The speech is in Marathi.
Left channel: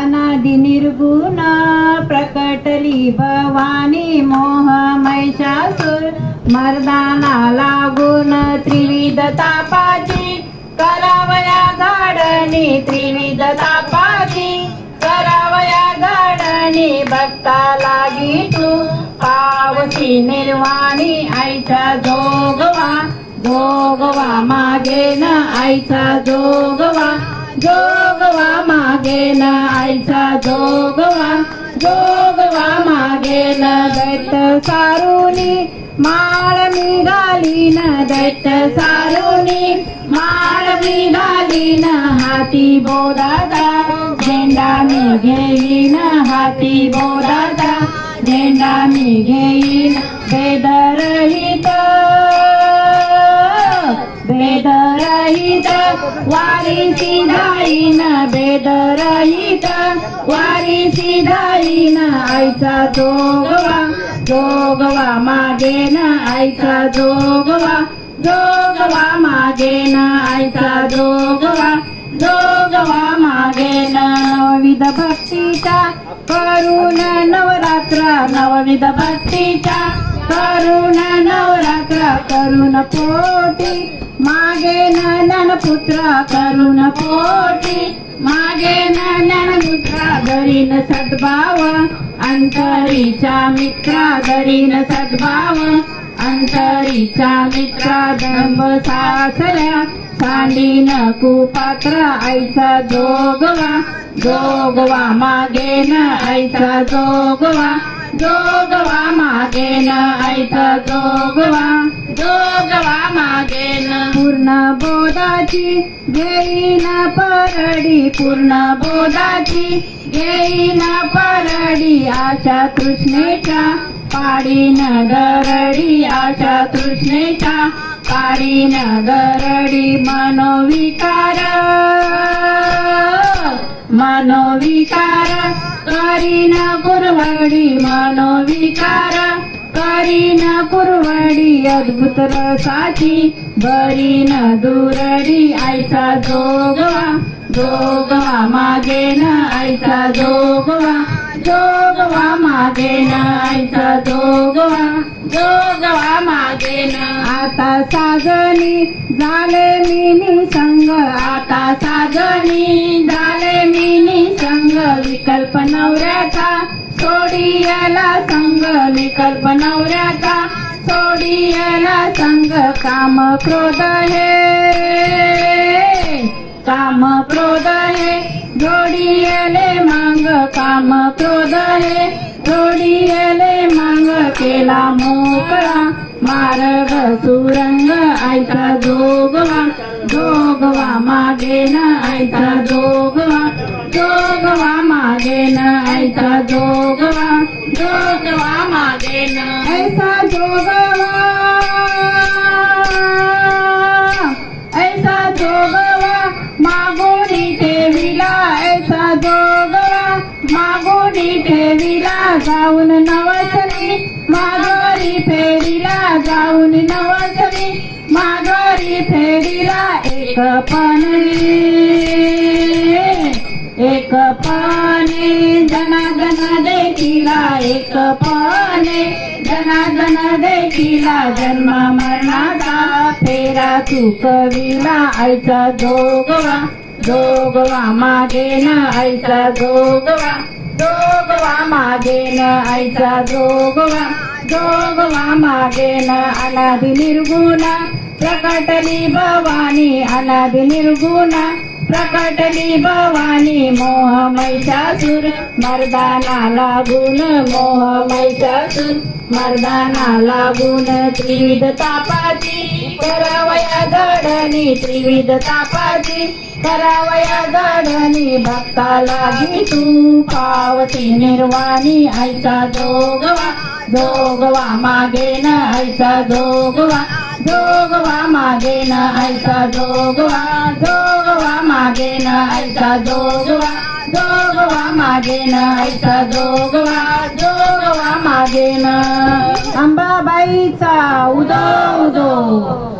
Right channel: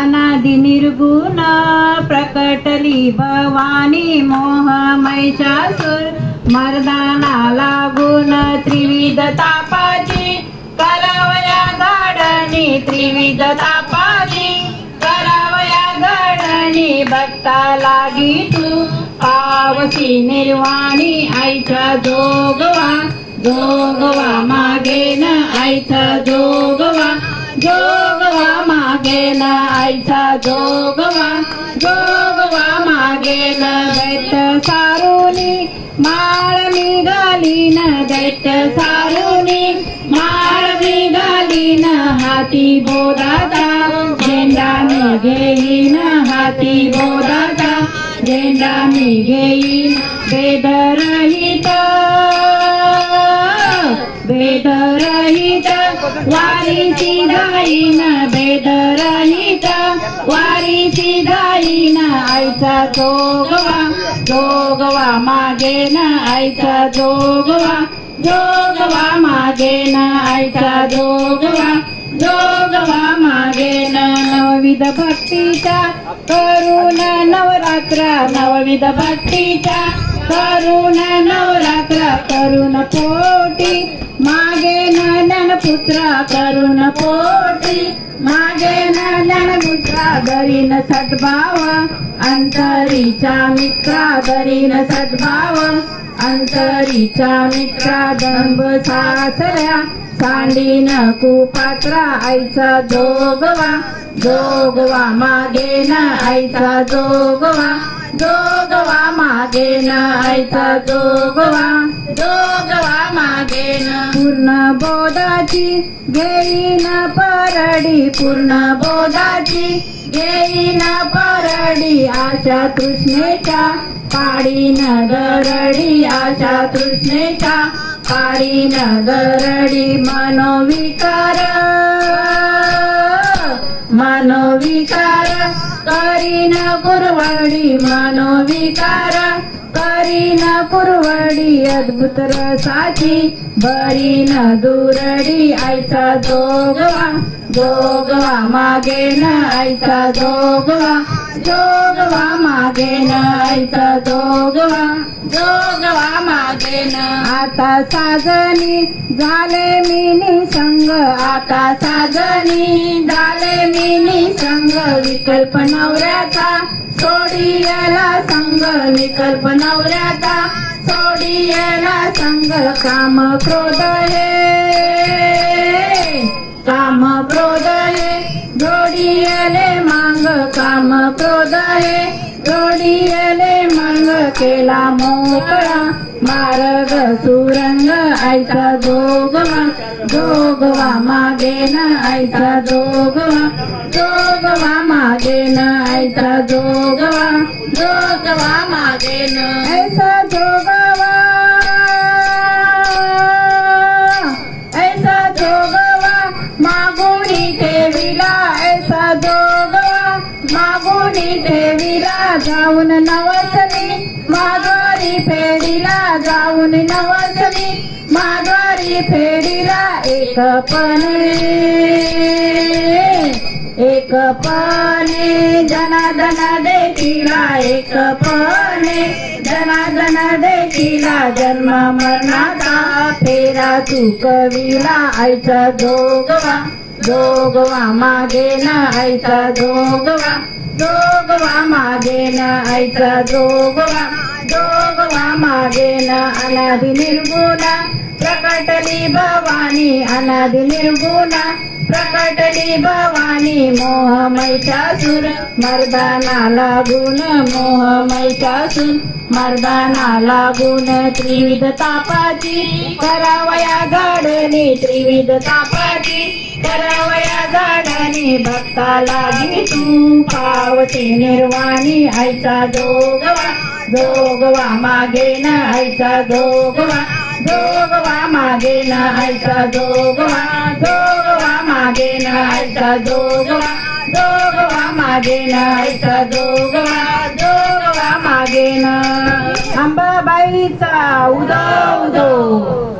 अनादि निर्गुण प्रकटली भवानी मोह महिषासुर मर्दाना लागून त्रिविध तापाची करावया गाडणी त्रिविध तापाची करावया गाडणी भक्ता लागी तू पावसी निर्वाणी आईचा जोगवा जोगवा मागे न आईचा जोगवा जोगवा मागे न आईचा जोगवा जोगवा मागे न दैत सारुनी माळ निघाली न दैत सारुनी माळ निघाली न हाती बोधाचा झेंडा निघेईन हाती बोधाचा झेंडा निघेईन बेदरहित बेदरहित वारी सिधाईन बेदरहित वारी सिधाईन आईचा जोगवा जोगवा मागे न आईचा जोगवा जोगवा मागे न आईचा जोगवा जोगवा मागे न नवविध भक्तीचा करुण नवरात्र नवविध भक्तीचा करुण नवरात्र करुण पोटी मागे न पुत्र करुण पोटी मागे न मित्र धरीन सद्भाव अंतरीचा मित्र धरीन सद्भाव अंतरीचा मित्र दंभ सासल्या सांडीन कुपात्र आईचा जोगवा जोगवा मागे न आईचा जोगवा जोगवा मागे न आईचा जोगवा जोगवा मागे न पूर्ण बोधाची घेईन परडी पूर्ण बोधाची घेईन परडी आशा तृष्णेच्या काढीन दरडी आशा तृष्णेच्या काढीन दरडी मनोविकार मनोविकार करीन कुरवडी मनोविकार करीन कुरवडी अद्भुत रसाची बरीन दुरडी आईचा जोगवा जोगवा मागे न आईचा जोगवा जोगवा मागे न आईचा जोगवा जोगवा मागे न आता साजनी झाले मिनी संग आता साजनी झाले मिनी संग विकल्प नवऱ्याचा सोडियला संग विकल्प नवऱ्याचा सोडियला संग काम क्रोध हे जोडियले मांग काम क्रोध हे जोडियले मांग केला मोकळा मार्ग सुरंग आईचा जोगवा जोगवा मागे न आईचा जोगवा जोगवा मागे न आईचा जोगवा जोगवा मागे न ऐसा जोगवा ऐसा जोगवा मागोनी ठेविला ऐसा जोगवा मागोनी ठेविला जाऊन नवसनी माघारी फेडीला जाऊन नवसनी माघारी फेडीला एकपणे जनार्दन देखीला एकपणे जनार्दन देखीला जन्म मरणाचा फेरा चुकविला आईचा जोगवा जोगवा मागे न आईचा जोगवा जोगवा मागे न आईचा जोगवा जोगवा मागे न अनादि निर्गुण प्रकटली भवानी अनादि निर्गुण प्रकटली भवानी मोह महिषासुर मर्दाना लागून मोह महिषासुर मर्दाना लागून त्रिविध तापाची करावया गाडणी त्रिविध तापाची करावया गाडणी भक्ता लागी तू पावती निर्वाणी आईचा जोगवा जोगवा मागे न आईचा जोगवा जोगवा मागे न आईचा जोगवा जोगवा मागे न आईचा जोगवा जोगवा मागे न आईचा जोगवा जोगवा मागे न अंबाबाईचा उदो उदो